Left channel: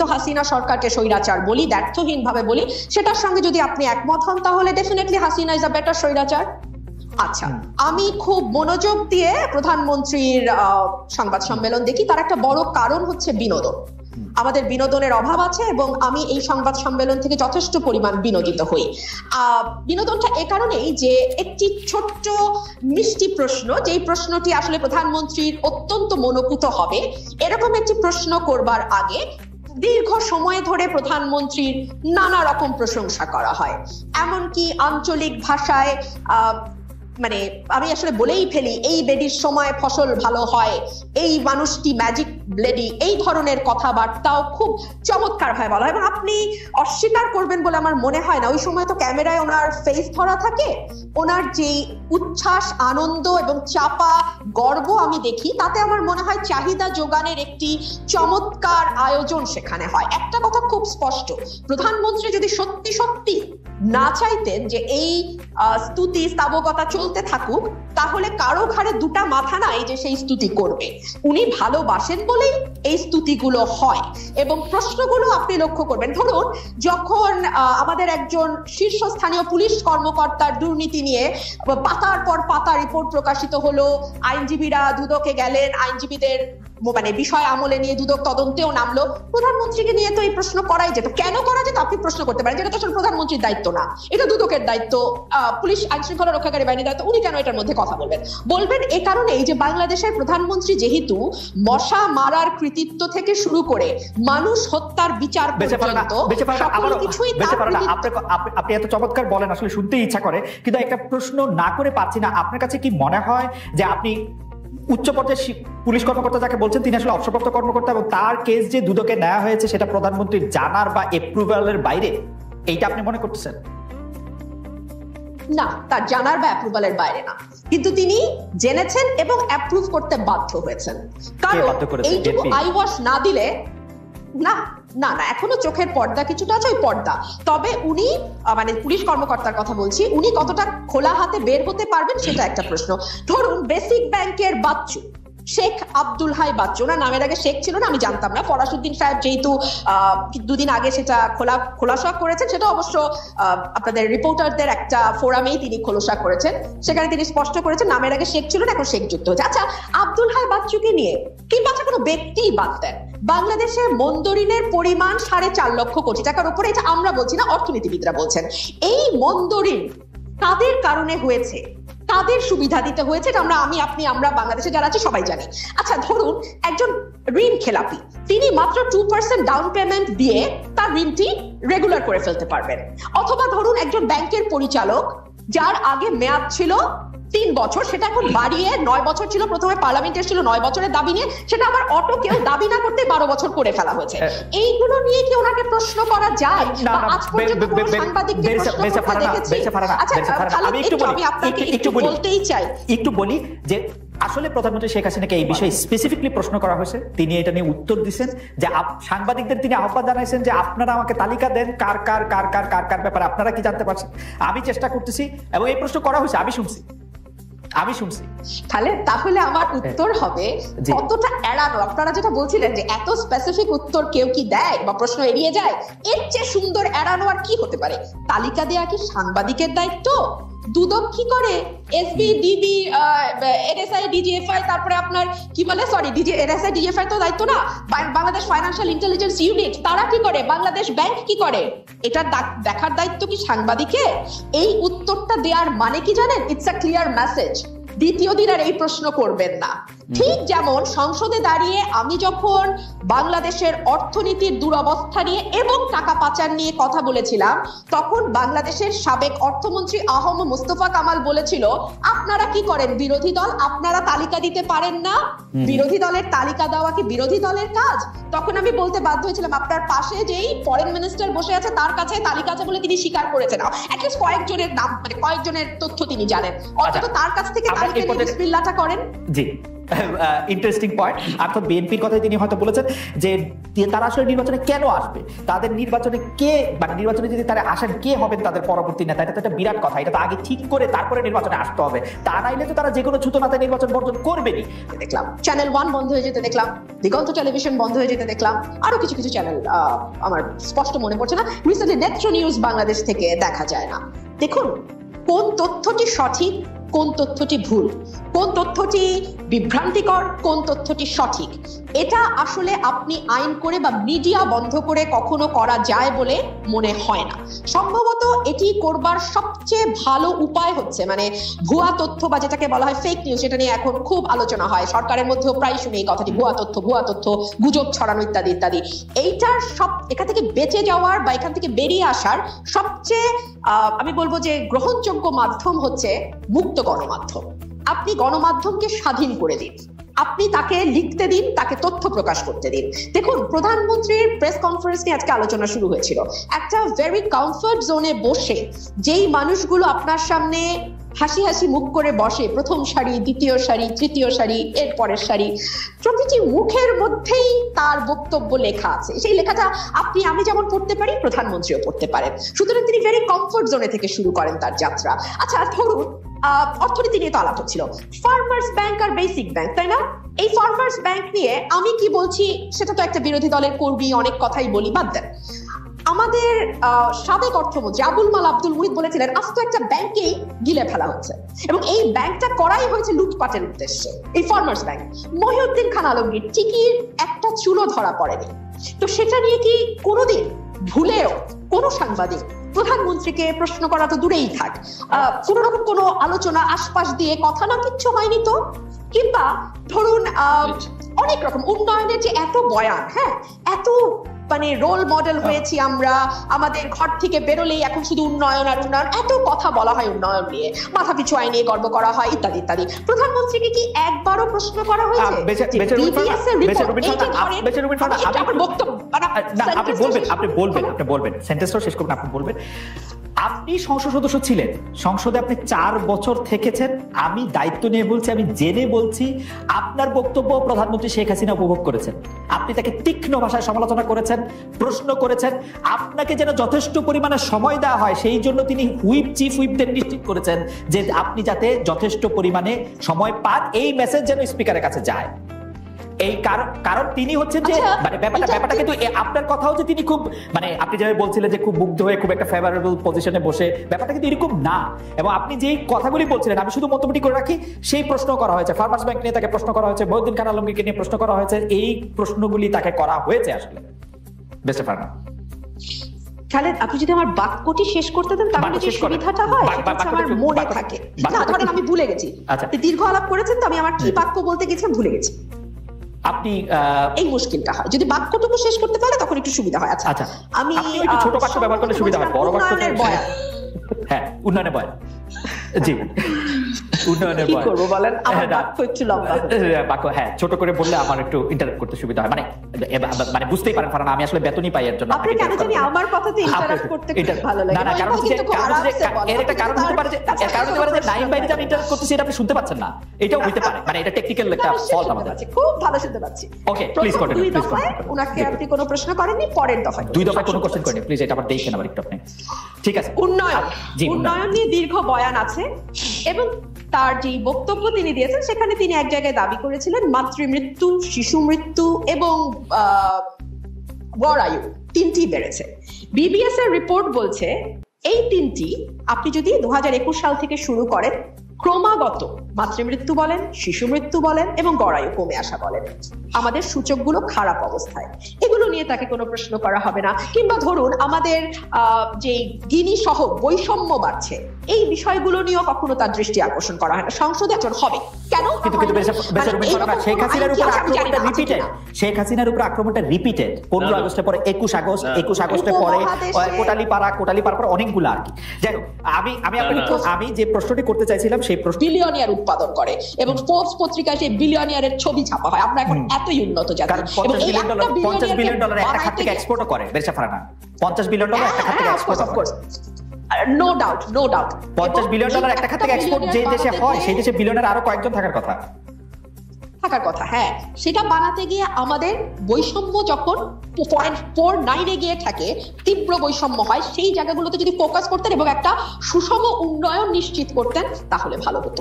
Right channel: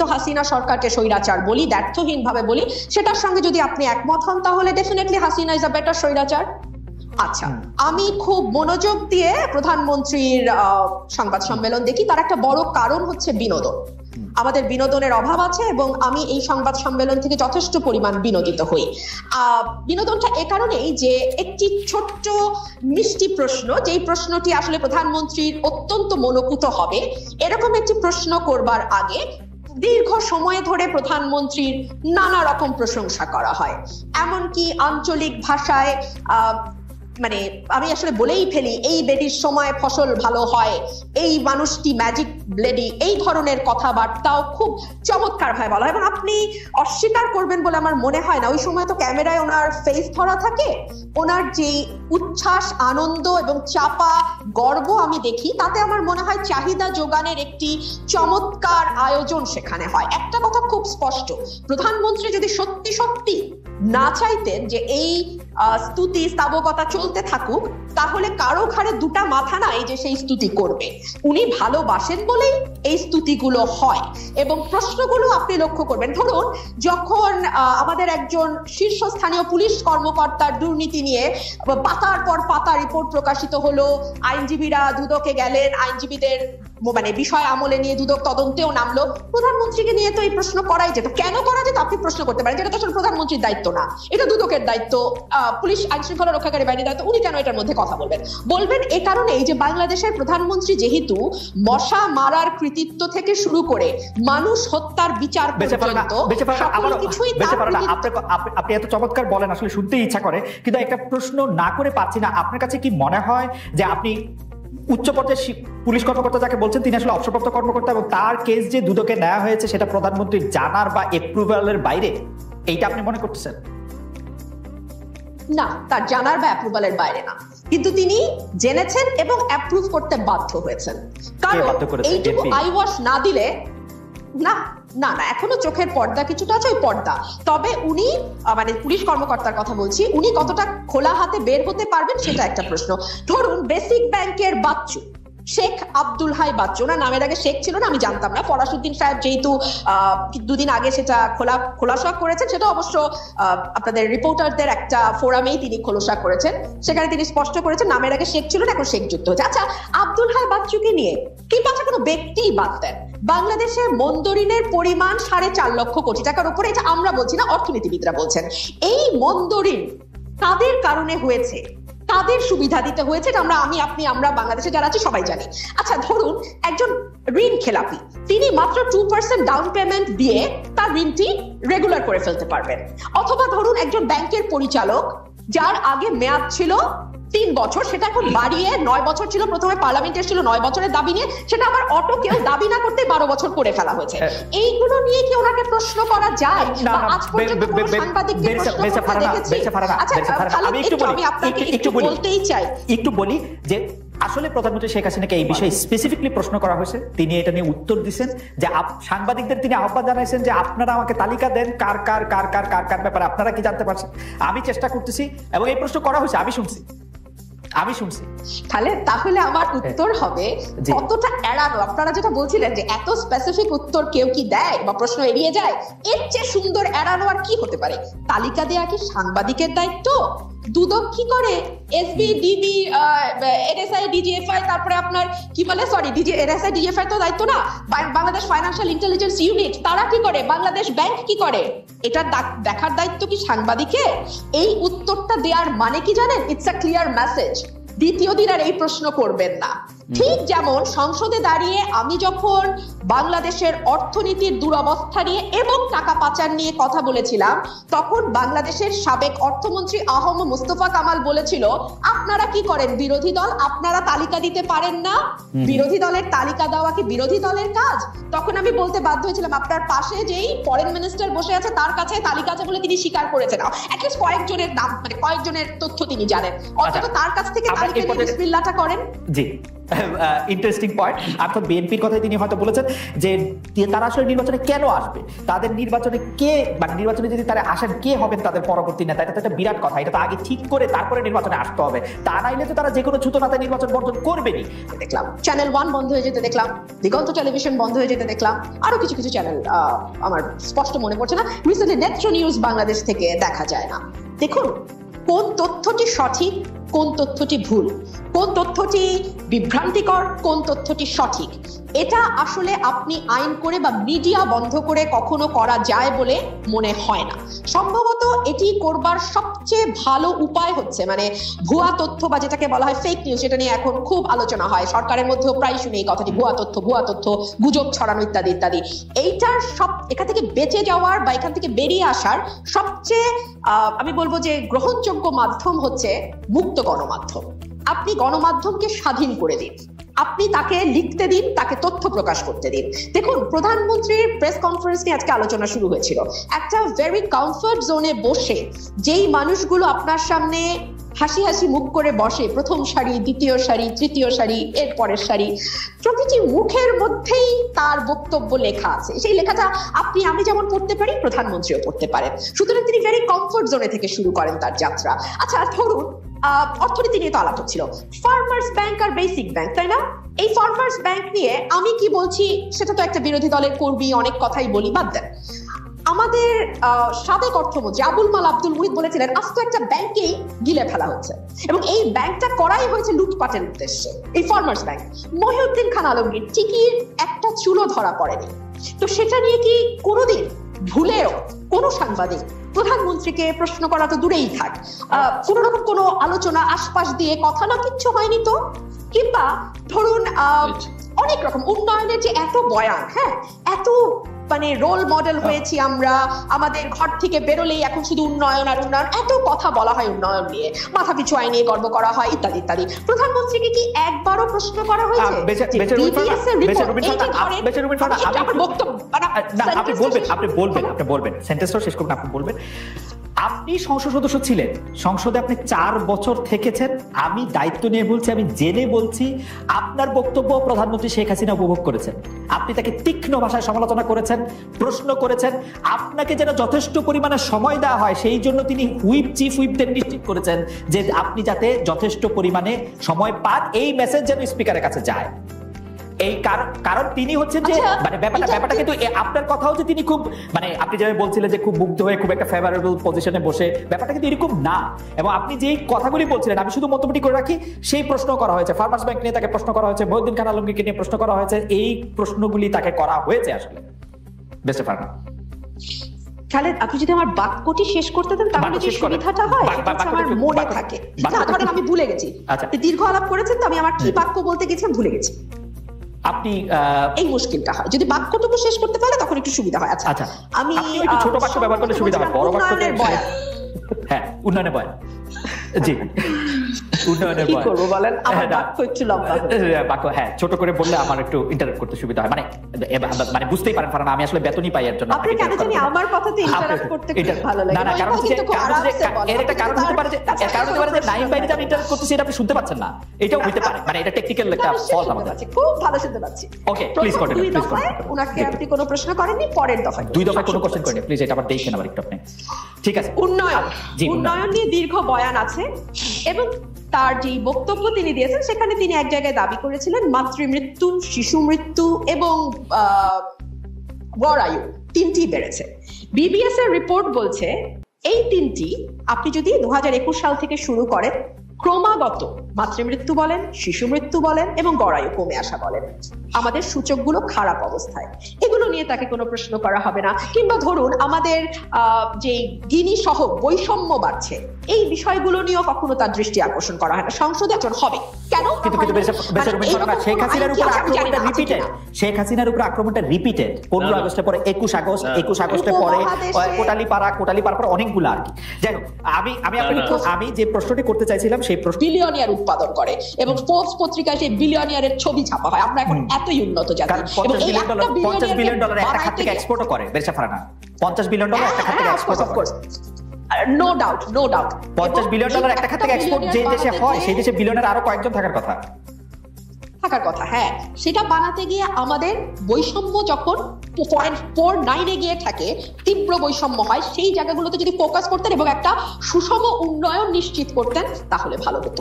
তো হাসিনা সরকারকে স্বৈরাচার বলি, দ্ব্যর্থহীন ভাবে বলি, সেটার সঙ্গে যদি আপনি একমত হন তাহলে definitely Hasina is a better স্বৈরাচার। আচ্ছা, আমি খুব মনোযোগ দিয়ে প্রধানমন্ত্রীর সংবাদ সম্মেলন দেখি, তার একটা বড় কারণ হচ্ছে বিনোদন। আমাদের বিনোদনের অভাব আছে এবং আমি এই সংবাদ সম্মেলন থেকে যথেষ্ট পরিমাণ বিনোদিত হই। বিনোদনটা এ কারণেই যে একটি ছোট্ট মিষ্টি প্রশ্ন, যে প্রশ্নটি আসলে প্রধানমন্ত্রীর অত্যন্ত মনোভূত হবে, এরকম একটি প্রশ্ন করবার আগে দীর্ঘ সময় ধরে প্রধানমন্ত্রীর নানা রকম প্রশংসা করা হয়, এমনকি আঞ্চলিক ভাষায় মানে আমি আসলে বলেই ফেলি, এই বেডির সময় ফসল ভালো হয়, এই মানুষটি ম্যাজিক ব্লেডিং, এই ধরনের কথাবার্তাও খুব চমৎকার ভাবে বলা হয়। এবং আপনি অস্বীকার করবেন বলে আমার মনে হয় না, ওই সময় তো ক্যামেরায় ওনার ফেস ধরা থাকে, ওনার যে উচ্ছ্বাস, আনন্দ, চাপা গর্ব আমি দেখি, তাতে আমার মনে হয় চাহিদা যোগানের একটি চমৎকার আয়োজন সেখানে হয়। একটা কথা খুব স্পষ্ট, প্রধানমন্ত্রী যদি সত্যি সত্যি না চাইতেন যে এই স্তুতি স্থাবকতা চলতে থাকুক, তাহলে কারো ঘরে দুটা মাথা নাই যে সেই স্তুতি করবে। উনি ভালোবাসেন বলেই এই স্তুতিগুলো হয়। এবং প্রশ্নগুলো আপনি লক্ষ্য করবেন, ধরুন যখন আমাদের একজন শীর্ষস্থানীয় পুলিশ কর্মকর্তার দুর্নীতি নিয়ে পাতার পর পাতা রিপোর্ট প্রকাশিত হলো, আইনজীবীরা দুদকে গেলেন, আইনজীবীদের মানে বিষয় আমলে নিয়ে দুদক তদন্তেও নামলো, প্রধানমন্ত্রীকে নিয়ে তো এই প্রশ্ন করাই যেত। কেন করা যেত আপনি প্রশ্ন করতে পারেন, যেটা তো আসলে প্রধানমন্ত্রীর দায়িত্ব না, এটা দুদকের দায়িত্ব, পুলিশ আইন শৃঙ্খলা রক্ষাকারী বাহিনীর দায়িত্ব, উনি কেন এটার মধ্যে কথা বলবেন? এ কারণেই যে বাংলাদেশের প্রধানমন্ত্রী যেহেতু মশা মারার কৃতিত্ব থেকে শুরু করে মানুষ হত্যার বিচার পর্যন্ত সকল কিছুই, আপনি এত চমৎকার বলেন, আসলে শুনতে ইচ্ছা করে, কিন্তু একটা প্রশ্ন না করে পাচ্ছি না। আপনার কাছে কি মনে হয় যে আপনি উচ্চ পর্যায়ের পুলিশ কর্মকর্তা যাকে বলছেন তিনি আসলে অবসরপ্রাপ্ত কর্মকর্তা, এবং তার কেস যে দুদকে নেওয়া হয়েছে সেটা প্রধানমন্ত্রীর জানার বা অ্যাপ্রুভালের বাইরে, এইটা আপনি মনে করতেছেন? না, তার জানার বা অ্যাপ্রুভালের বাইরে না, কিন্তু তিনি জেনেছেন এবং অ্যাপ্রুভ করতে বাধ্য হয়েছেন। কারণ এইটুকু আইওয়াশ না দিলে না না না এখনো চোখের পর্দা কিছুটা আছে, ওই পর্দা। তবে উনি মানে পুলিশ কর্মকর্তার কথা বলছি, উনি কতটা খোলা হাতে বের হতে পারবেন সেটা একটা প্রশ্ন। ধরুন বেসিক ব্যাংকের বাচ্চু শেখ আব্দুল হাই বাচ্চু, ওনার নামের আগে শেখ ছিল না, আমি জানতাম না, ফরাসউদ্দিন সাহেব যেহেতু দুদিন আগে সেটা খোলাসা করেছেন, সেটা অবশ্য আপনাদের রিপোর্টারদের একটা ফোরামেই তিনি খোলাসা করেছেন, সেখানে তিনি স্পষ্ট করেছেন নামের আগে শেখ ছিল না, এখন শেখ যুক্ত হয়েছে। আচ্ছা, আব্দুল হাই বাচ্চুকে নিয়ে কিংবা কোনো ব্যক্তিই বাদ দেন, বাংলাদেশের মন্দরিনের পরিমাণ 4.5 লক্ষ কোটি টাকার উপরে, এটা আমরা বলছি না, অর্থনীতিবিদরা বলছেন। এই মন্দরিন কাদের কারণে হয়েছে, তাদের সুবিধা দিতে হয়েছে, আমরা বাংলাদেশে যারা আছে সবাই জানি। আচ্ছা, ধরুন একজন ঋণ খেলাপি, তিনি মাত্র 2% ডাউন পেমেন্ট দিয়ে তার ঋণটি রেগুলার করে ফেলতে পারবেন। অথবা ধরুন একজন ব্যাংকের পরিচালক যার আগে মেয়াদ ছিল 3 বছর, সেটা এখন বাড়িয়ে 9 বছর ছিল, প্রথমে পার্লামেন্ট এসেছিল 9 বছরের দাবি নিয়ে, সেটা আবার অটো কেউ দাবি না করতে 12 বছর করে ফেলা হয়েছে। এইগুলো নিয়ে কি ওনাকে প্রশ্ন করা যায়? আজ পর্যন্ত সাংবাদিকদের আমি আপনাকে একটু বলতেই চাই, একটু বলি যে আসলে প্রধানমন্ত্রী শেখ হাসিনাকে এই বিষয়ে স্পেসিফিকলি প্রশ্ন করা হয়েছে, তিনি এটা নিয়ে উত্তর দিচ্ছেন যে সাংবাদিকদের তিনি আহ্বান জানাইছেন যে আপনারা আমাকে তালিকা দেন কার কার কার কার কার কার ব্যাপারে আপনারা কি জানতে পারছেন, আমি চেষ্টা করতেছি, এবং এই প্রশ্ন করা হয়েছে, আমি শুনছি। তাহলে আমার উত্তর হবে কতটা এড়ানো। আপনারা যেটা বলছিলেন যে এত স্পেসিফিক উত্তর কেউ কি দেয় বা প্রশ্ন এড়িয়ে যায়, এর চেয়ে সুন্দর এড়ানো কি হতে পারে? তালিকা দেওয়া কি সাংবাদিকের দায়িত্ব? দুদক কি করে? এসপি, ডিবি, এসআইবি, জিএফআই, আপনি কি বলেছেন, ডিজি এসআই, জিএফআই তো দায়িত্ব না, বাংলাদেশ ফাইন্যান্সিয়াল ইন্টেলিজেন্স ইউনিট তারা কি করে, বাংলাদেশ ব্যাংক কি করে, এটা দেখার দায়িত্ব কি সাংবাদিকের? এই উত্তরটা দেওয়ার মানে কি জানেন? ইটস আ ক্লিয়ার মেসেজ, দ্বিতীয় দিন আর এই প্রশ্ন করবেন না। ঠিক যেমন সংসদে দাঁড়িয়ে আমি যখন বাংলাদেশের অর্থনীতির দুরবস্থা নিয়ে এবং টাকা পাচার নিয়ে কথা বলেছিলাম, তখন বাংলাদেশের সাবেক অর্থমন্ত্রী আহম মুস্তফা কামাল বলেছিল, আপনারা কি করেন বিরোধী দল, আপনারা তালিকা দিতে পারেন না, বিরোধী দলের তালিকা দেওয়া কি বিরোধী দলের কাজ? তখন আমি বলতে বাধ্য ছিলাম, আপনার পাশে যে ফরেন মিনিস্টার বসে আছে তার পিছিয়ে তালিকাগুলো তিনি স্বীকার করেছেন, কয়েকজনের তথ্য তিনি জানেন, অথবা তার কাছ থেকে বিসমিল্লাহটা করেন। জি, ইন্টারেস্টিং পয়েন্ট। আর তো বিএনপির কথা তিনি হয়তো বলেছেন যে তারা আসলে নির্বাচনে কেন হারবে, তাদের নির্বাচনে কে নির্বাচনে যদি তারা হারে কে হবে তাদের পরবর্তীতে ঠিক করে তারপরে নির্বাচনে আসতে হবে, তা নাইলে তো তারা যে কোনো ছোট মাথায় নির্বাচন করবেনি। দেখলাম চ্যানেল 1 বন্ধ হয়ে যেতে দেখলাম, দিগন্ত টেলিভিশন বন্ধ হয়ে যেতে দেখলাম, আরো কিছু কিছু চ্যানেল আমার স্পষ্ট মনে পড়ছে না, রিসেন্টলি নেত্র নিউজ বাংলাদেশ থেকে দেখা যায় না। দেখুন কোন তথ্যটি সঠিক, কোন তথ্যটি ভুল, কোন তথ্যটি বিভ্রান্তিকর, কোন তথ্যটি সঠিক, এটা আসলে আপনি আইন করে বা মিডিয়া বন্ধ করে কখনো করা যায় বলে মনে হয় না। সম্ভবত এটি করবার সবচেয়ে ভালো উপায় হচ্ছে মানে ভুয়া তথ্য বা যেটাকে বলা হয় ফেক নিউজ, সেটা নিয়ে এখন খুব আলোচনা হয়, সরকারের মধ্যেও প্রায় শুনে এই কথাটি, ভুয়া তথ্য, গুজব ছড়ানো ইত্যাদি ইত্যাদি। এইটার এখান থেকে বেঁচে যাওয়ার বা এখান থেকে বেরিয়ে আসার সবচেয়ে আমি বলবো যে গ্রহণযোগ্য মাধ্যম হচ্ছে মুক্ত গণমাধ্যম। আপনি গণমাধ্যমকে স্বাধীন করে দিন, আপনি তাকে লিখতে দিন, তাকে তথ্য প্রকাশ করতে দিন। দেখুন প্রধানমন্ত্রীর প্রেস কনফারেন্স নিয়ে আজকে আলোচনা শুরু হয়েছিল, একটা ভেরি কমফর্ট জোনে বসে যেই মানুষগুলো আপনার সামনে হাসি হাসি মুখ করে বসে, প্রথম সারি, দ্বিতীয় সারি, তৃতীয় সারি, এর পরের সারি, প্রতিটি মুখের মধ্যেই তার বক্তব্য লেখা আছে। সেই লেখাটা আপনি আমি যেমন পড়তে পারি, প্রধানমন্ত্রীও পড়তে পারেন। সুতরাং তিনি ভেরি কমফর্ট জোনে থেকে শুরু করেন তার যাত্রা। আচ্ছা ধরুন অর্থনীতি নিয়ে তো আলাপ হচ্ছিল, ফার্মার্স ব্যাংক আর বেসিক ব্যাংক, তাই না? এই ফার্মার্স ব্যাংক নিয়ে আমি কি বলছি সেটা তো একটা বিরোধী দলের কর্মী, অনেক কথাই বলি, বাদ দেন। আমাদের সাবেক অর্থমন্ত্রী আবুল মাল আব্দুল মুহিত বলেছিলেন আজকে একটা ব্যাংকে গিলে ফেলা হচ্ছে এবং এই ব্যাংকটা করাই হয়েছে লুটপাটের উদ্দেশ্যে, এই ফার্মার্স ব্যাংক। মহিউদ্দিন খান আলমগীর টিকির একটা চুলো ধরা পড়েনি, তো সেটা নিয়ে কি কোনোদিন ভুলেও কোনো সাংবাদিক প্রধানমন্ত্রীকে প্রশ্ন করা তো দূরেই থাক, কোন রকম কোনো আলোচনা আশপাশ দিয়ে কথা না কিচ্ছু হয়নি তো? কিংবা ধরুন অনেক রকম উন্নয়নের যে এত বয়ান, হ্যাঁ এত মানে রোল মডেল হয়েছি আমরা, আমাদের ঘর থেকে বেরোলেই এখন শুধু উন্নয়ন আর উন্নয়ন, এত কথা বলা হয় উন্নয়ন নিয়ে, মাথা পিছু আয় নিয়ে গর্ব করা হয় ইত্যাদি ইত্যাদি। প্রধানমন্ত্রীকে কি একবারও প্রশ্ন করা হয়েছে? আপনি সংসদ সদস্য ছিলেন, সংসদে আপনি 4 বছর থেকেছেন, আমি দায়িত্ব নিয়ে বলছি, আমি জেনে বলছি, আপনার বক্তব্য প্রধানমন্ত্রী শেখ হাসিনা উপভোগ করেছেন। আপনি তাকে তীক্ষ্ণ ভাষায় সমালোচনা করেছেন, প্রশ্ন করেছেন, আপনাকে যেন যথেষ্ট পরিমাণে সময় দেওয়া হয় সেই জন্য তিনি চিফ হুইপদের নিশ্চিত করেছেন যে আপনি যাতে যথেষ্ট পরিমাণে সময় পান, এই মেসেজ যেন স্পিকারের কাছে যায়। এই কারণ তিনি হচ্ছেন যে মানে ব্যাপারটা কিন্তু আপনার কথা হচ্ছে তিনি খুব মানে আপনি যেটা বলছিলেন যে খুব মুগ্ধ হয়ে খুব একটা ফেভারেবল পজিশনে বসে, ব্যাপারটা কিন্তু এরকম না। এবং আপনি যে কথাগুলি বলছিলেন আমি শুধু মন্তব্যটি করে রাখি, সেই প্রশ্ন করা হয়েছে ফার্মার্স ব্যাংক নিয়ে, তাকে প্রশ্ন করা হয়েছে মহিউদ্দিন খান আলমগীরকে নিয়ে প্রশ্ন করা হয়েছে, এই প্রশ্নগুলি তাকে করা হয়েছে আসলে। তাহলে আপনি যদি আমার বাক্যটি শেষ করতে দেন তাহলে কি সুবিধাটা হয়? মনে থাকে ধরেন আমি ভুলে গেছি, দীর্ঘ আলাপ করেছেন তো আমি আমার কি বাক্য বলতে গেছিলাম ভুলে গেছি, আপনি এই মুশকিলটা হয়। যদি বাক্যটুকু শেষ করতে পারলে তখন একটু সুবিধা হয়। আচ্ছা আমি একটু ছোট বাক্য ব্যবহার করলে সুবিধা হয়, বড় বাক্য হ্যাঁ উন্নয়নের বয়ান, জি উন্নয়নের বয়ান কি করব বলেন, আমার বাক্য একটু লম্বা বাক্য, হ্যাঁ ছোট করে বললে আমার একটু ইন্টারাপ্ট করতে সুবিধা হয়, মানে বুঝতেই পারেন ফারহানা আমি আসলে বেতনই পাই এর জন্য। আপনি কেন জানি আমার কথাতে ইন্টারাপ্ট করতে খুব ভালো লাগে। না কারণ এর একটা কারণ হতে পারে যে নাইম বাইরে যে আমি ইন্টারাপ্ট করতেছি এটা আপনি শুনতে পাচ্ছেন না, এটাও হতে পারে, মানে এটা টেকনিক্যাল একটা ফল্ট আমাদের আছে। খুব ভালো শুনতে পাচ্ছি। Okay please continue, please continue. উনাকে আপনি কোনো প্রশ্ন করেননি, পরের দফায় 2 দফায় কোনো কোশ্চেন করেনি, প্লিজ এটা আবার দেখেন আবার একটু আপনি। ঠিক আছে, উন্নয়ন নিয়ে দীর্ঘ বয়ান আছে এবং তার যে বক্তব্য তিনি দিয়েছেন সেখানে তিনি এক জায়গায় দাবি করেছিলেন মাতৃমৃত্যু, শিশু মৃত্যু এবং গড় আয়ু 3টি বেড়েছে। বিবিএস এর রিপোর্ট বলছে এই 3টি আপনি যদি 2021 সাল থেকে শুরু করেন ক্রমাগত মাতৃমৃত্যু বলেন, শিশু মৃত্যু বলেন এবং গড় আয়ু কমে আসা বলেন, আমাদের সূচকগুলো খারাপ অবস্থায়, এগুলো নিয়ে তাকে কোনো প্রশ্ন করা হবে না। কিংবা ধরুন আমাদের যে গিনি সহ বৈষম্য বাড়ছে, এই বিষয়গুলো নিয়েও কখনো তার দৃষ্টি আকর্ষণ করা হয় না। সংসদে একজন হবে কেন? শেখ হাসিনার উপর আক্রমণটা রিপিটেড 15 আগস্টের পরে 21 আগস্টের পরে কোটালীপাড়া পরে অনেকগুলো আর কি। যাই হোক আমি যে প্রশ্নটি করতে চাইছিলাম সেই প্রশ্ন, বিলিয়নিয়ার উৎপাদন করে এবং ফোর্বস পত্রিকায় সেই বিলিয়নিয়ারের ছবি ছাপা হয়। আমরা এখন এতই উন্নত জাতি এবং এই $50 বিলিয়ন একটা খাত থেকে এক্সপোর্টও করে বেরসা ফারহানা, $50 বিলিয়ন একটা খাত থেকে এক্সপোর্ট করে। নো ডাউট $50 বিলিয়ন একটা খাত থেকে এক্সপোর্ট যে দেশে হয় সেই দেশে বিলিয়নের আরো 3 গুণ থাকে। সেটা বাড়াতে গিয়ে আমাদের বৈষম্য যখন 4.49 গিয়ে থাকে, তীব্র বৈষম্য হয়, সেই জায়গাগুলোতে যদি ফোকাস করতেন এবং একটা সুষম উন্নয়ন নিশ্চিত করতেন তাহলে ভালো হতো।